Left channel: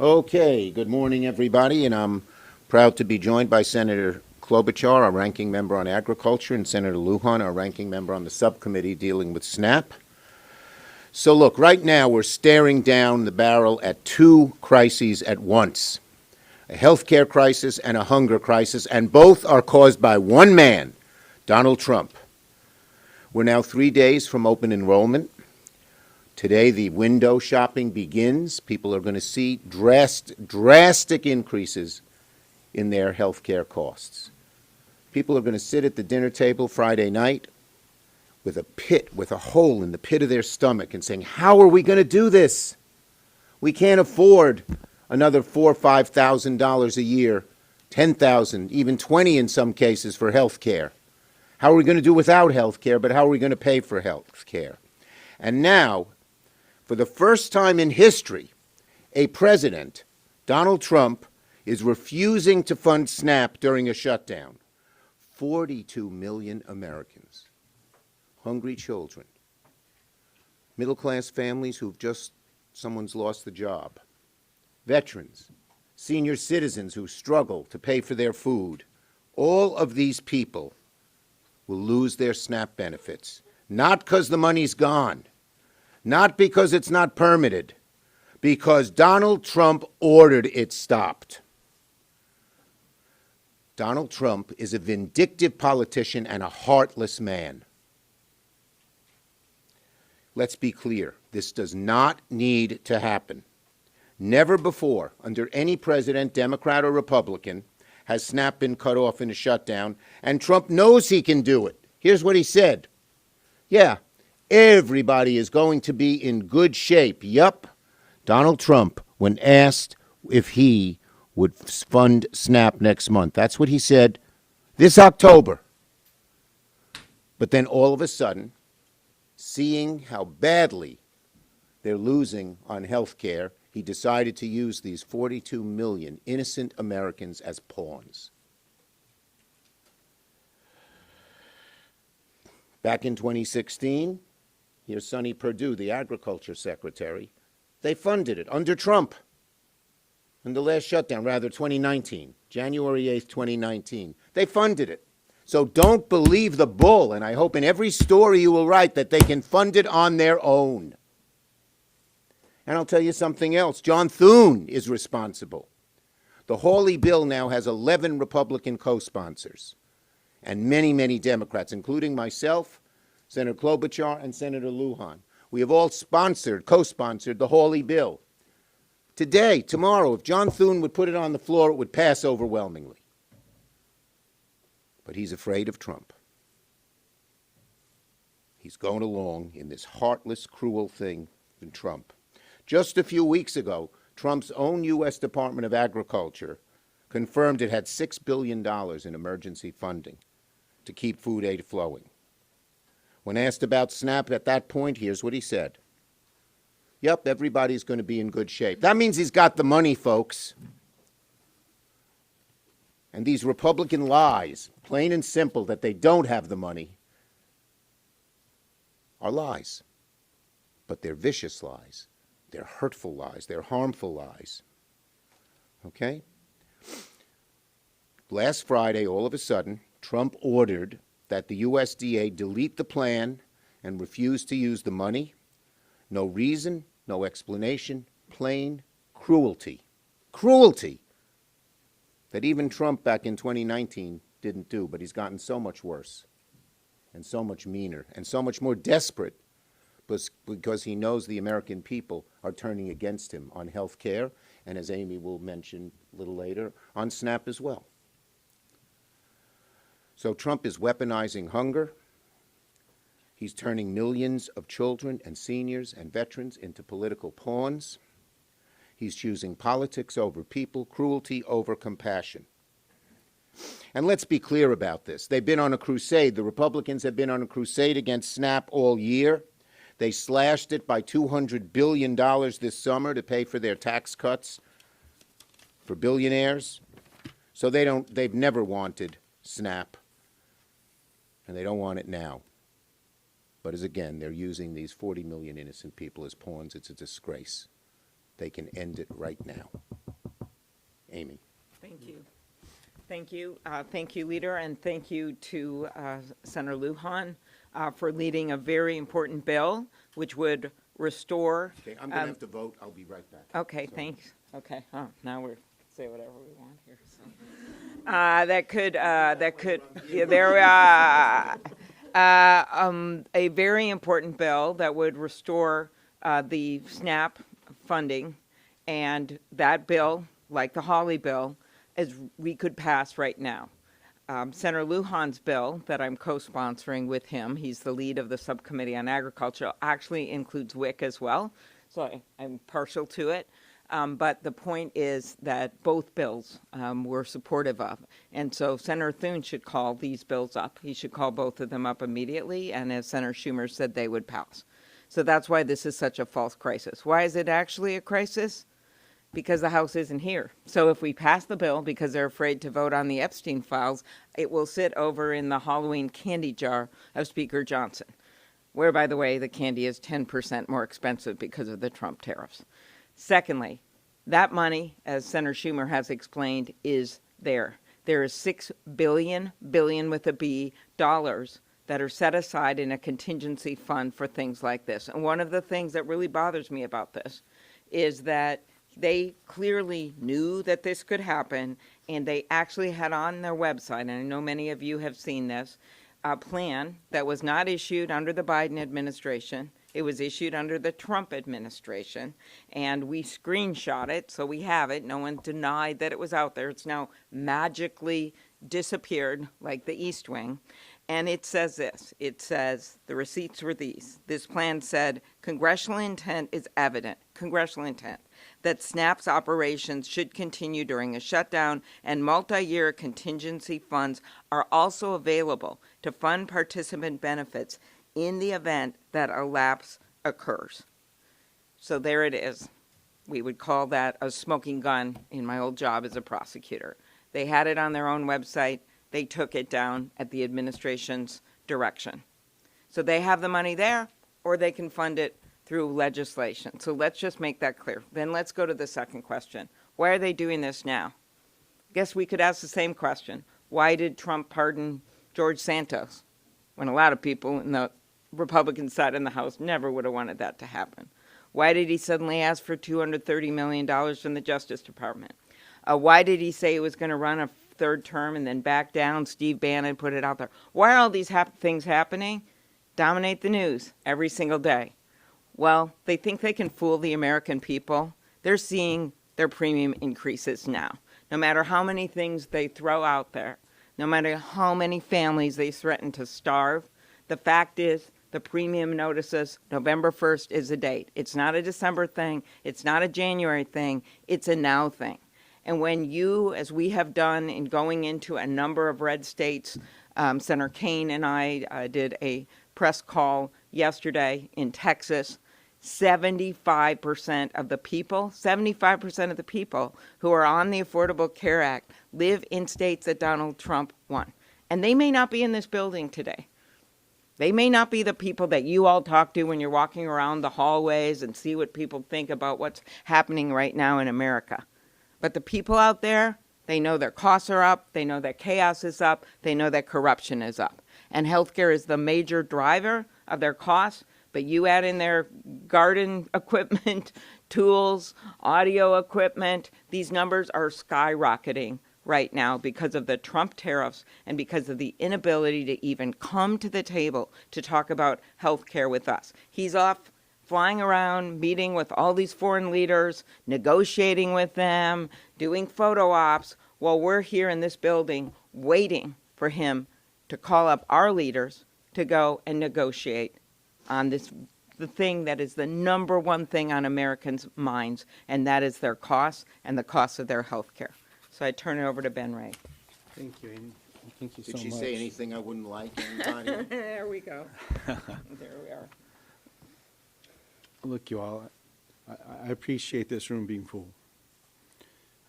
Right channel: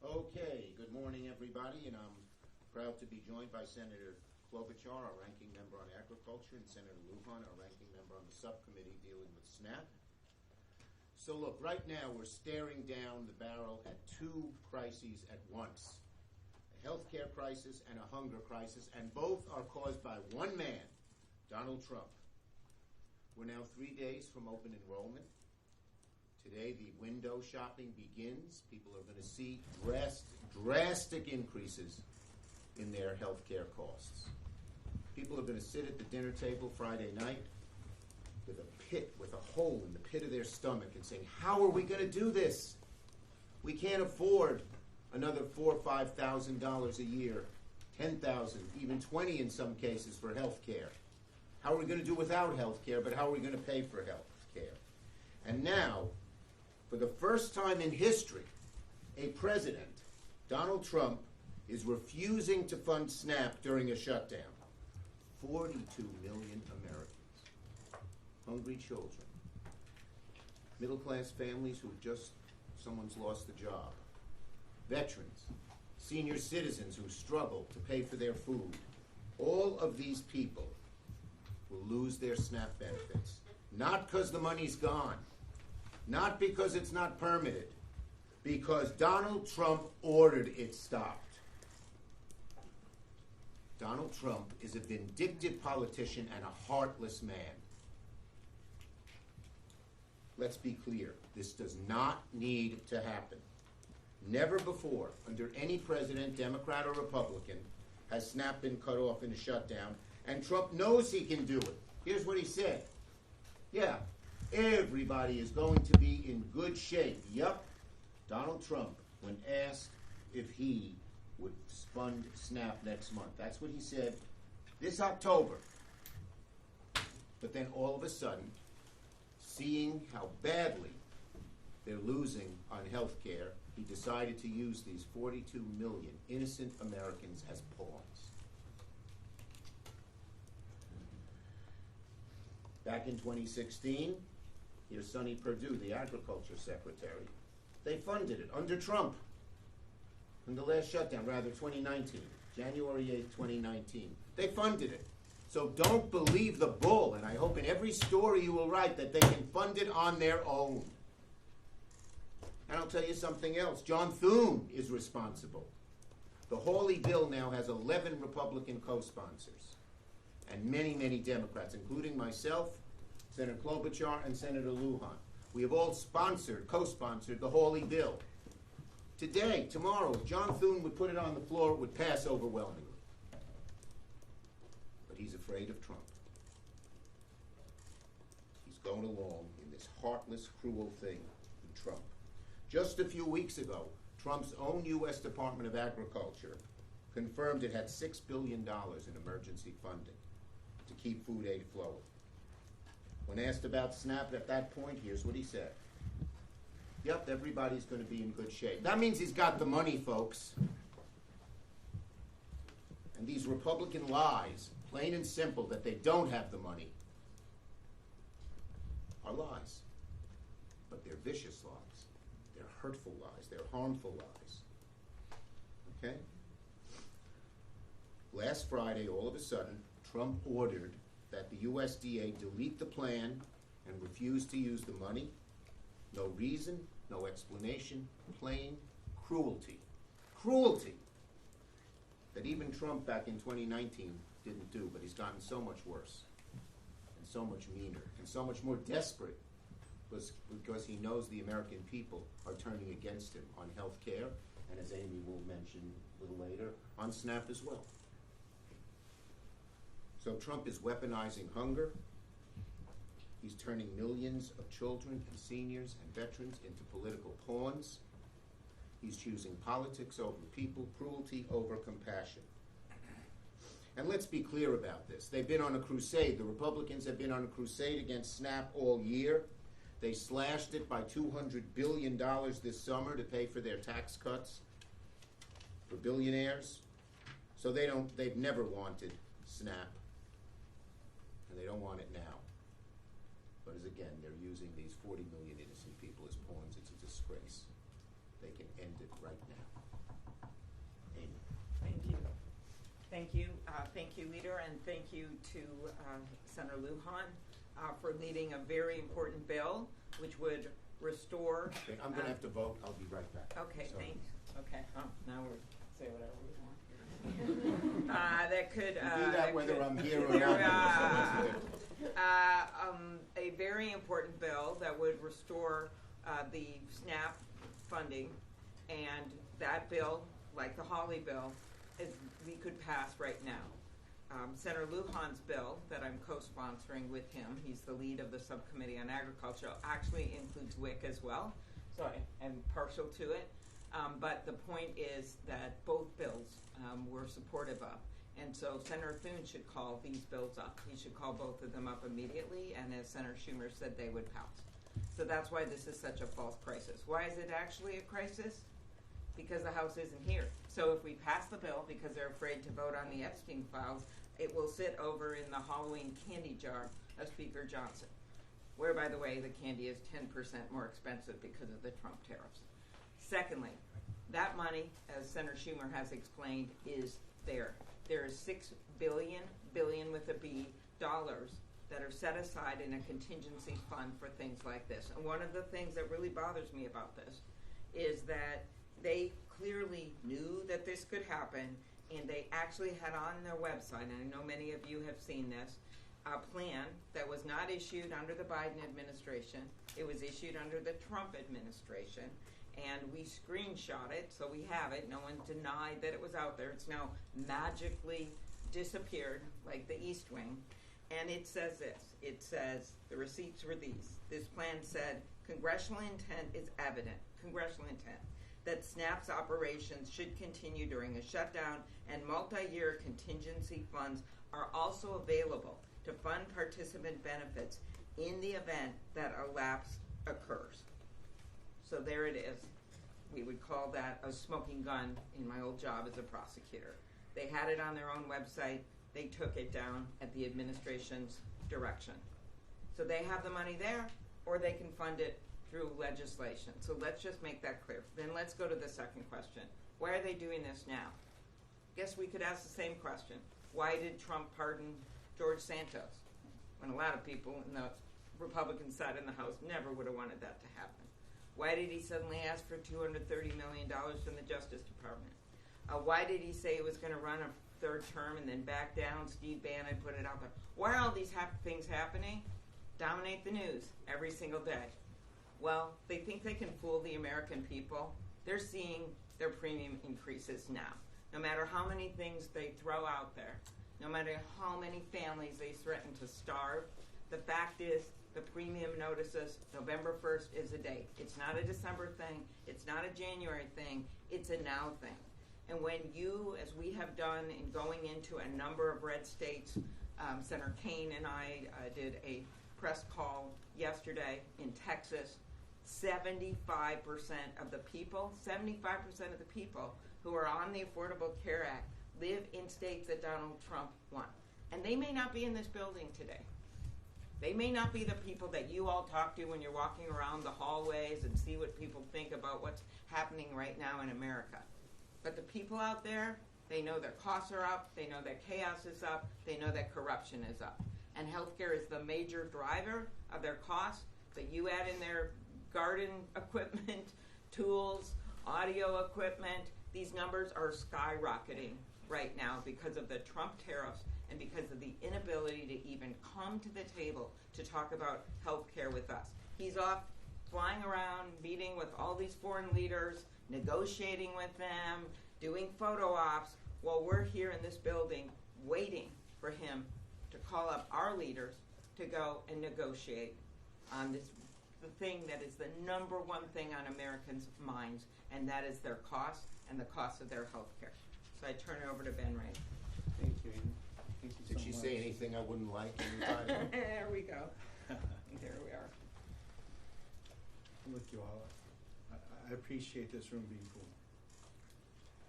Okay, good morning, everybody, and I'm proud to be joined by Senator Klobuchar, our ranking member on agriculture, and Senator Lujan, our ranking member on the subcommittee dealing with SNAP. So look, right now we're staring down the barrel at two crises at once, a healthcare crisis and a hunger crisis, and both are caused by one man, Donald Trump. We're now 3 days from open enrollment. Today, the window shopping begins. People are going to see drastic increases in their health care costs. People are going to sit at the dinner table Friday night with a hole in the pit of their stomach and saying, how are we going to do this? We can't afford another $4,000 or $5,000 a year, $10,000, even $20,000 in some cases for health care. How are we going to do without health care, but how are we going to pay for health care? And now, for the first time in history, a president, Donald Trump, is refusing to fund SNAP during a shutdown. 42 million Americans, hungry children, middle-class families someone's lost the job, veterans, senior citizens who struggle to pay for their food. All of these people will lose their SNAP benefits, not because the money's gone, not because it's not permitted, because Donald Trump ordered it stopped. Donald Trump is a vindictive politician and a heartless man. Let's be clear, this does not need to happen. Never before, under any president, Democrat or Republican, has SNAP been cut off in a shutdown, and Trump knows he can do it. Here's what he said. Yeah, everybody is going to be in good shape. Yup. Donald Trump, when asked if he would fund SNAP next month, that's what he said this October. But then all of a sudden, seeing how badly they're losing on health care, he decided to use these 42 million innocent Americans as pawns. Back in 2016, here's Sonny Perdue, the agriculture secretary. They funded it under Trump in the last shutdown, rather 2019, January 8th, 2019. They funded it. So don't believe the bull, and I hope in every story you will write that they can fund it on their own. And I'll tell you something else. John Thune is responsible. The Hawley bill now has 11 Republican co-sponsors and many, many Democrats, including myself, Senator Klobuchar, and Senator Lujan. We have all co-sponsored the Hawley bill. Today, tomorrow, if John Thune would put it on the floor, it would pass overwhelmingly. But he's afraid of Trump. He's going along in this heartless, cruel thing in Trump. Just a few weeks ago, Trump's own U.S. Department of Agriculture confirmed it had $6 billion in emergency funding to keep food aid flowing. When asked about SNAP at that point, here's what he said. Yep, everybody's going to be in good shape. That means he's got the money, folks. And these Republican lies, plain and simple, that they don't have the money, are lies. But they're vicious lies. They're hurtful lies. They're harmful lies. Okay? Last Friday, all of a sudden, Trump ordered that the USDA delete the plan and refuse to use the money. No reason, no explanation, plain cruelty. Cruelty that even Trump back in 2019 didn't do, but he's gotten so much worse and so much meaner and so much more desperate because he knows the American people are turning against him on health care, and as Amy will mention a little later, on SNAP as well. So Trump is weaponizing hunger. He's turning millions of children and seniors and veterans into political pawns. He's choosing politics over people, cruelty over compassion. And let's be clear about this. They've been on a crusade. The Republicans have been on a crusade against SNAP all year. They slashed it by $200 billion this summer to pay for their tax cuts for billionaires. So they've never wanted SNAP, and they don't want it now. But as again, they're using these 40 million innocent people as pawns. It's a disgrace. they can end it right now. Amy. Thank you. Thank you. Thank you, Leader, and thank you to Senator Lujan for leading a very important bill which would restore. Okay, I'm going to have to vote. I'll be right back. Okay, So- thanks. Okay, now we're say whatever we want here. That could whether I'm here yeah, there a very important bill that would restore the SNAP funding, and that bill, like the Hawley bill, as we could pass right now. Senator Lujan's bill that I'm co-sponsoring with him, he's the lead of the subcommittee on agriculture, actually includes WIC as well, so I'm partial to it. But the point is that both bills we're supportive of. And so Senator Thune should call these bills up. He should call both of them up immediately, and as Senator Schumer said, they would pass. So that's why this is such a false crisis. Why is it actually a crisis? Because the House isn't here. So if we pass the bill because they're afraid to vote on the Epstein files, it will sit over in the Halloween candy jar of Speaker Johnson, where, by the way, the candy is 10% more expensive because of the Trump tariffs. Secondly, that money, as Senator Schumer has explained, is there. There is $6 billion with a B, dollars that are set aside in a contingency fund for things like this. And one of the things that really bothers me about this is that they clearly knew that this could happen, and they actually had on their website, and I know many of you have seen this, a plan that was not issued under the Biden administration. It was issued under the Trump administration, and we screenshot it, so we have it. No one denied that it was out there. It's now magically disappeared like the East Wing. And it says this. It says, the receipts were these. This plan said, congressional intent is evident, congressional intent, that SNAP's operations should continue during a shutdown, and multi-year contingency funds are also available to fund participant benefits in the event that a lapse occurs. So there it is. We would call that a smoking gun in my old job as a prosecutor. They had it on their own website. They took it down at the administration's direction. So they have the money there, or they can fund it through legislation. So let's just make that clear. Then let's go to the second question. Why are they doing this now? I guess we could ask the same question. Why did Trump pardon George Santos when a lot of people in the Republican side in the House never would have wanted that to happen? Why did he suddenly ask for $230 million from the Justice Department? Why did he say he was going to run a third term and then back down? Steve Bannon put it out there. Why are all these things happening? Dominate the news every single day. Well, they think they can fool the American people. They're seeing their premium increases now. No matter how many things they throw out there, no matter how many families they threaten to starve, the fact is the premium notices November 1st is the date. It's not a December thing. It's not a January thing. It's a now thing. And when you, as we have done in going into a number of red states, Senator Kaine and I did a press call yesterday in Texas. 75% of the people, 75% of the people who are on the Affordable Care Act live in states that Donald Trump won. And they may not be in this building today. They may not be the people that you all talk to when you're walking around the hallways and see what people think about what's happening right now in America. But the people out there, they know their costs are up, they know that chaos is up, they know that corruption is up. And healthcare is the major driver of their costs. But you add in their garden equipment, tools, audio equipment, these numbers are skyrocketing right now because of the Trump tariffs and because of the inability to even come to the table to talk about health care with us. He's off flying around, meeting with all these foreign leaders, negotiating with them, doing photo ops, while we're here in this building waiting for him to call up our leaders to go and negotiate on this, the thing that is the number one thing on Americans' minds, and that is their costs and the cost of their health care. So I turn it over to Ben Ray. Thank you, Amy. Thank you so much. Did she say anything I wouldn't like? Anybody? There we go. There we are. Look, you all, I appreciate this room being full.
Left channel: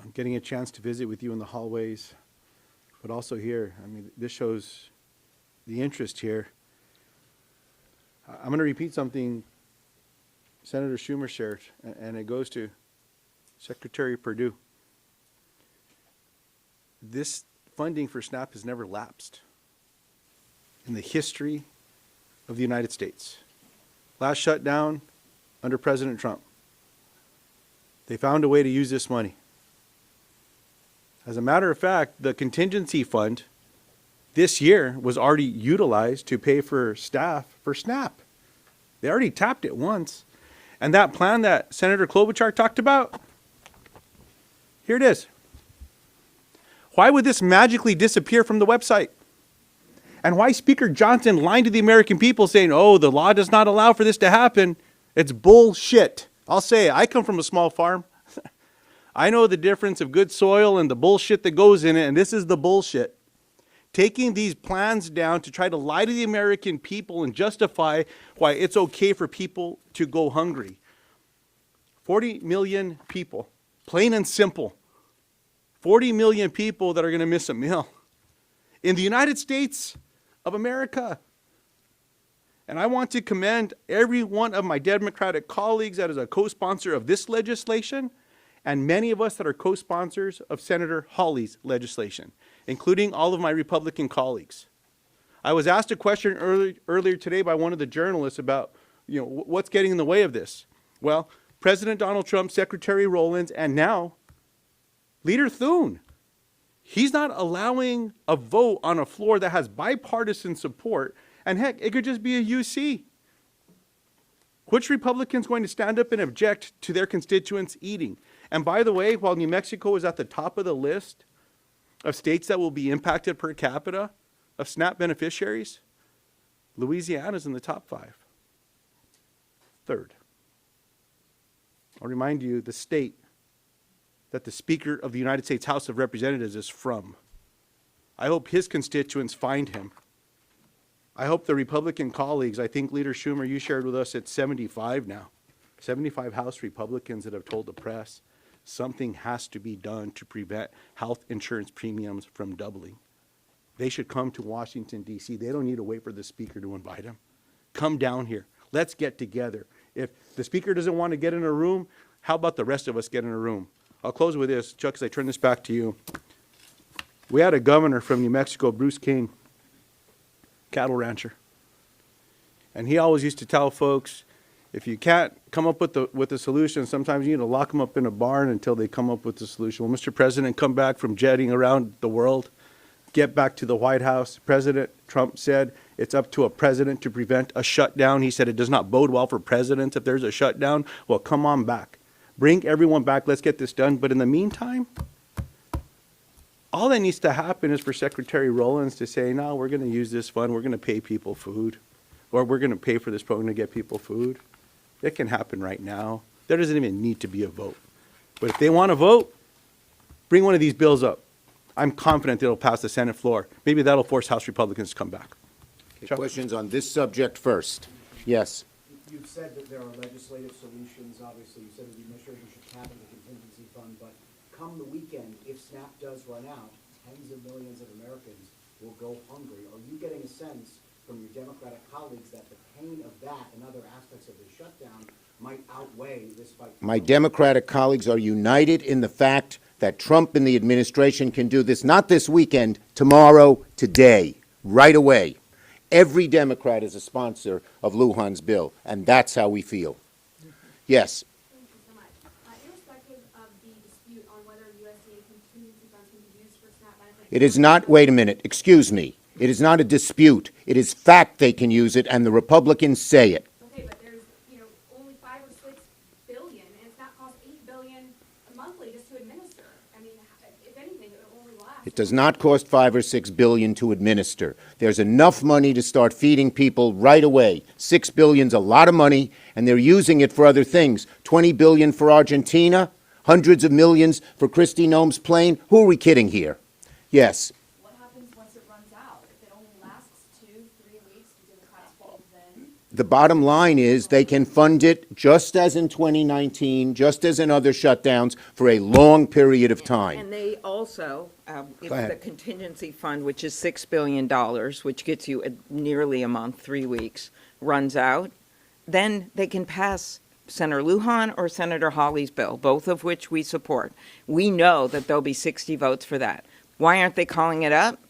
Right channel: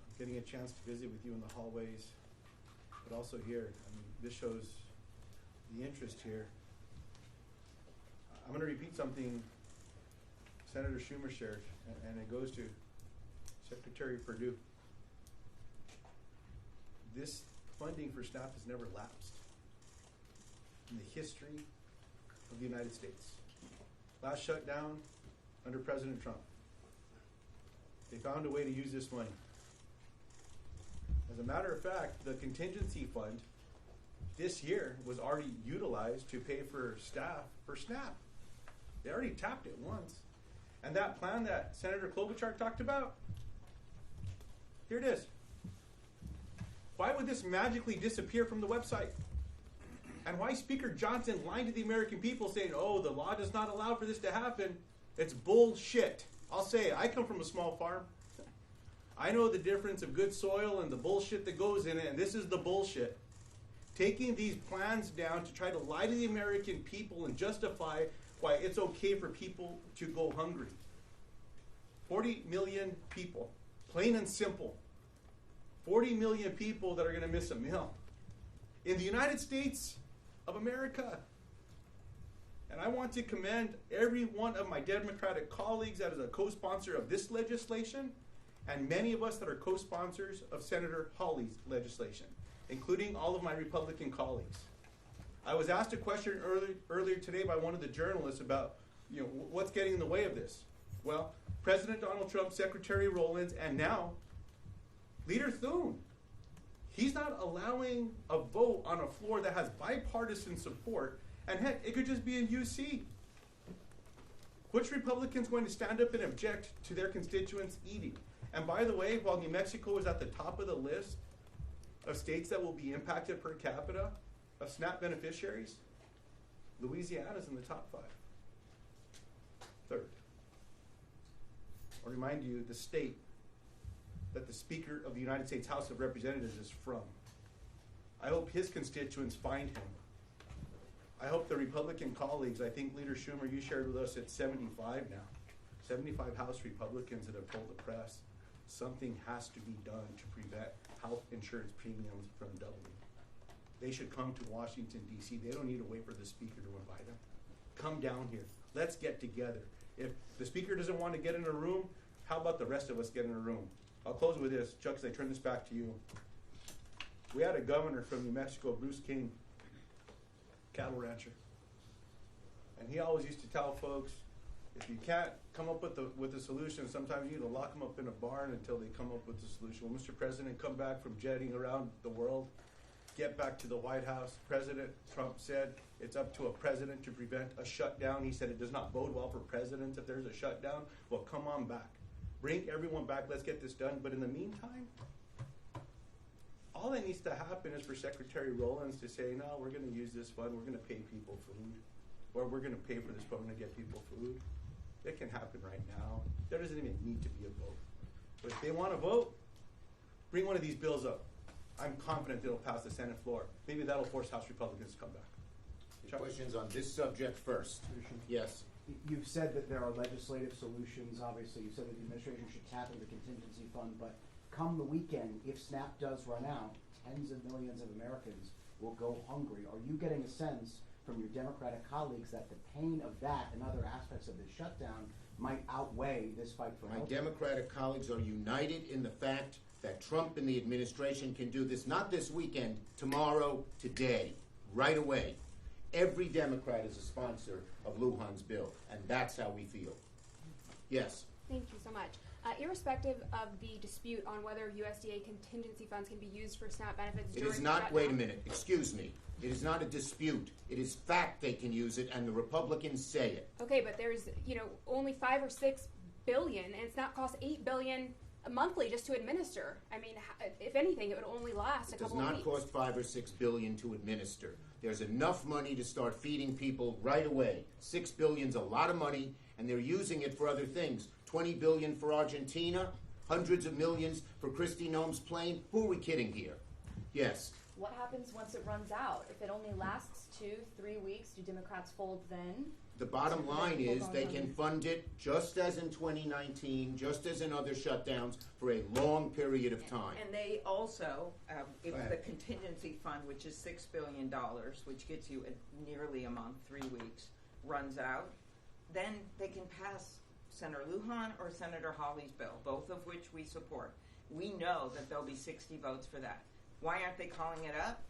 I'm getting a chance to visit with you in the hallways, but also here. I mean, this shows the interest here. I'm going to repeat something Senator Schumer shared, and it goes to Secretary Perdue, this funding for SNAP has never lapsed in the history of the United States. Last shutdown under President Trump. They found a way to use this money. As a matter of fact, the contingency fund this year was already utilized to pay for staff for SNAP. They already tapped it once. And that plan that Senator Klobuchar talked about, here it is. Why would this magically disappear from the website? And why Speaker Johnson lying to the American people saying, oh, the law does not allow for this to happen? It's bullshit. I'll say it. I come from a small farm. I know the difference of good soil and the bullshit that goes in it, and this is the bullshit. Taking these plans down to try to lie to the American people and justify why it's okay for people to go hungry. 40 million people, plain and simple. 40 million people that are going to miss a meal in the United States of America. And I want to commend every one of my Democratic colleagues that is a co-sponsor of this legislation, and many of us that are co-sponsors of Senator Hawley's legislation, including all of my Republican colleagues. I was asked a question earlier today by one of the journalists about, what's getting in the way of this? Well, President Donald Trump, Secretary Rowlands, and now Leader Thune. He's not allowing a vote on a floor that has bipartisan support, and heck, it could just be a UC. Which Republican's going to stand up and object to their constituents eating? And by the way, while New Mexico is at the top of the list of states that will be impacted per capita of SNAP beneficiaries, Louisiana's in the top 5. Third. I'll remind you the state that the Speaker of the United States House of Representatives is from. I hope his constituents find him. I hope the Republican colleagues, I think Leader Schumer, you shared with us, it's 75 now. 75 House Republicans that have told the press something has to be done to prevent health insurance premiums from doubling. They should come to Washington, D.C. They don't need to wait for the Speaker to invite them. Come down here. Let's get together. If the Speaker doesn't want to get in a room, how about the rest of us get in a room? I'll close with this. Chuck, as I turn this back to you. We had a governor from New Mexico, Bruce King, cattle rancher. And he always used to tell folks, if you can't come up with the solution, sometimes you need to lock them up in a barn until they come up with the solution. Well, Mr. President, come back from jetting around the world, get back to the White House. President Trump said it's up to a president to prevent a shutdown. He said it does not bode well for presidents if there's a shutdown. Well, come on back. Bring everyone back. Let's get this done. But in the meantime, all that needs to happen is for Secretary Rowlands to say, no, we're going to use this fund. We're going to pay people food. Or we're going to pay for this program to get people food. It can happen right now. There doesn't even need to be a vote. But if they want to vote, bring one of these bills up. I'm confident it'll pass the Senate floor. Maybe that'll force House Republicans to come back. Okay, questions on this subject first? Yes. You've said that there are legislative solutions, obviously. You said the administration should tap into the contingency fund, but come the weekend, if SNAP does run out, tens of millions of Americans will go hungry. Are you getting a sense from your Democratic colleagues that the pain of that and other aspects of the shutdown might outweigh this fight? My Democratic colleagues are united in the fact that Trump and the administration can do this, not this weekend, tomorrow, today, right away. Every Democrat is a sponsor of Lujan's bill, and that's how we feel. Yes. Thank you so much. Irrespective of the dispute on whether USDA contingency funds can be used for SNAP benefits. It is not, wait a minute, excuse me. It is not a dispute. It is fact they can use it, and the Republicans say it. Okay, but there's, only 5 or 6 billion, and it's not cost $8 billion monthly just to administer. I mean, if anything, it would only last. It does not cost $5 or $6 billion to administer. There's enough money to start feeding people right away. $6 billion's a lot of money, and they're using it for other things. $20 billion for Argentina, hundreds of millions for Kristi Noem's plane. Who are we kidding here? Yes. What happens once it runs out? If it only lasts 2-3 weeks, do Democrats fold then? The bottom line is they can fund it just as in 2019, just as in other shutdowns, for a long period of time. And they also, if Go ahead. the contingency fund, which is $6 billion, which gets you nearly a month, 3 weeks, runs out, then they can pass Senator Lujan or Senator Hawley's bill, both of which we support, we know that there'll be 60 votes for that. Why aren't they calling it up?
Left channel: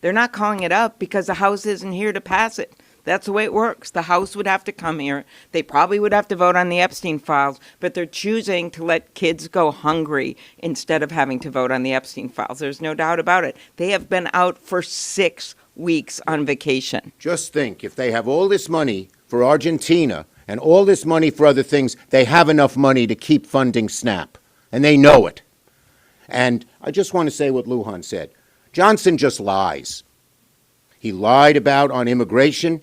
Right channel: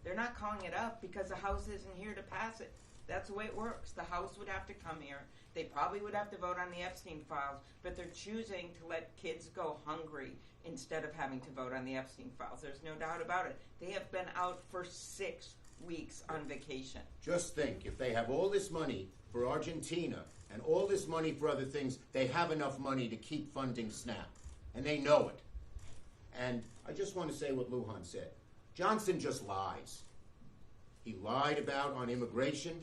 They're not calling it up because the House isn't here to pass it. That's the way it works. The House would have to come here. They probably would have to vote on the Epstein files, but they're choosing to let kids go hungry instead of having to vote on the Epstein files. There's no doubt about it. They have been out for 6 weeks on vacation. Just think, if they have all this money for Argentina and all this money for other things, they have enough money to keep funding SNAP, and they know it. And I just want to say what Lujan said. Johnson just lies. He lied about on immigration,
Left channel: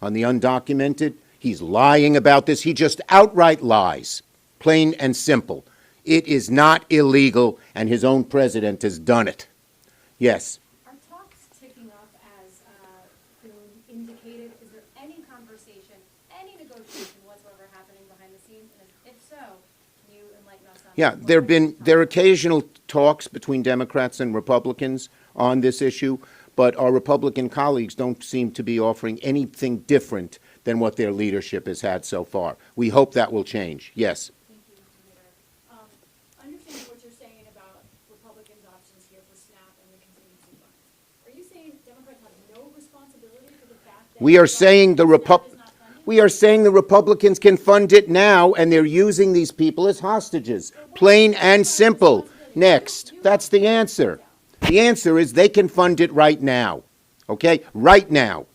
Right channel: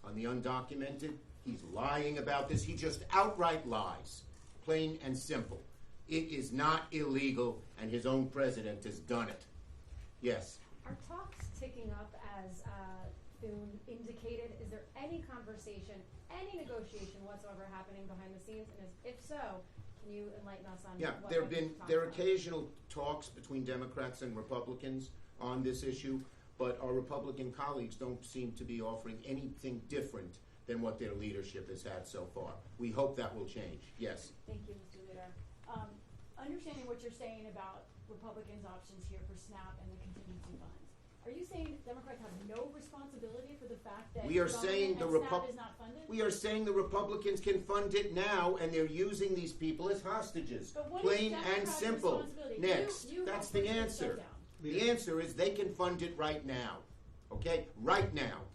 on the undocumented. He's lying about this. He just outright lies, plain and simple. It is not illegal, and his own president has done it. Yes. Are talks ticking up as Boone indicated? Is there any conversation, any negotiation whatsoever happening behind the scenes? And if so, can you enlighten us on Yeah, there are occasional talks between Democrats and Republicans on this issue, but our Republican colleagues don't seem to be offering anything different than what their leadership has had so far. We hope that will change. Yes. Thank you, Mr. Leader. Understanding what you're saying about Republicans' options here for SNAP and the contingency funds, are you saying Democrats have no responsibility for the fact that We are saying SNAP is not funded? we are saying the Republicans can fund it now, and they're using these people as hostages. Plain and simple. Next. That's the answer. The answer is they can fund it right now. Okay? Right now.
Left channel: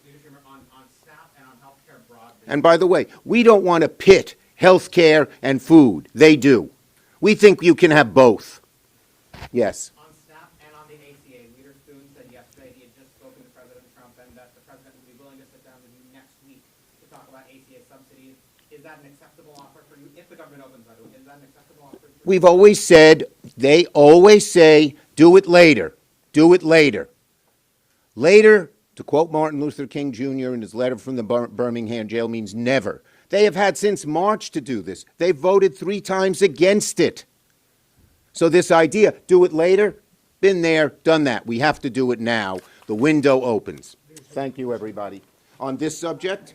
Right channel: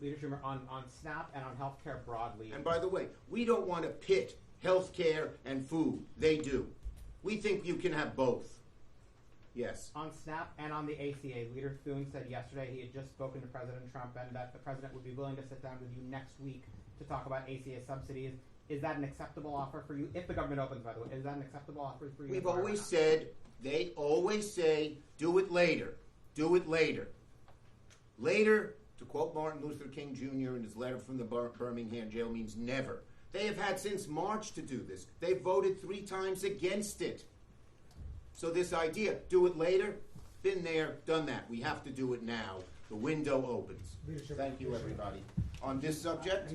Leader Schumer, on SNAP and on healthcare broadly. And by the way, we don't want to pit health care and food. They do. We think you can have both. Yes. On SNAP and on the ACA, Leader Spoon said yesterday he had just spoken to President Trump and that the president would be willing to sit down with you next week to talk about ACA subsidies. Is that an acceptable offer for you? If the government opens, by the way, is that an acceptable offer for you? We've always said, they always say, do it later. Do it later. Later, to quote Martin Luther King Jr. in his letter from the Birmingham jail, means never. They have had since March to do this. They voted 3 times against it. So this idea, do it later, been there, done that. We have to do it now. The window opens. Thank you, everybody. On this subject?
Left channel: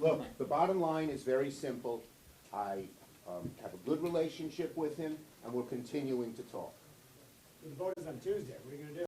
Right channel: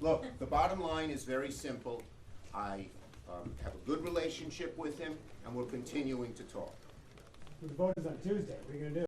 Look, the bottom line is very simple. I have a good relationship with him, and we're continuing to talk. The vote is on Tuesday. What are you going to do?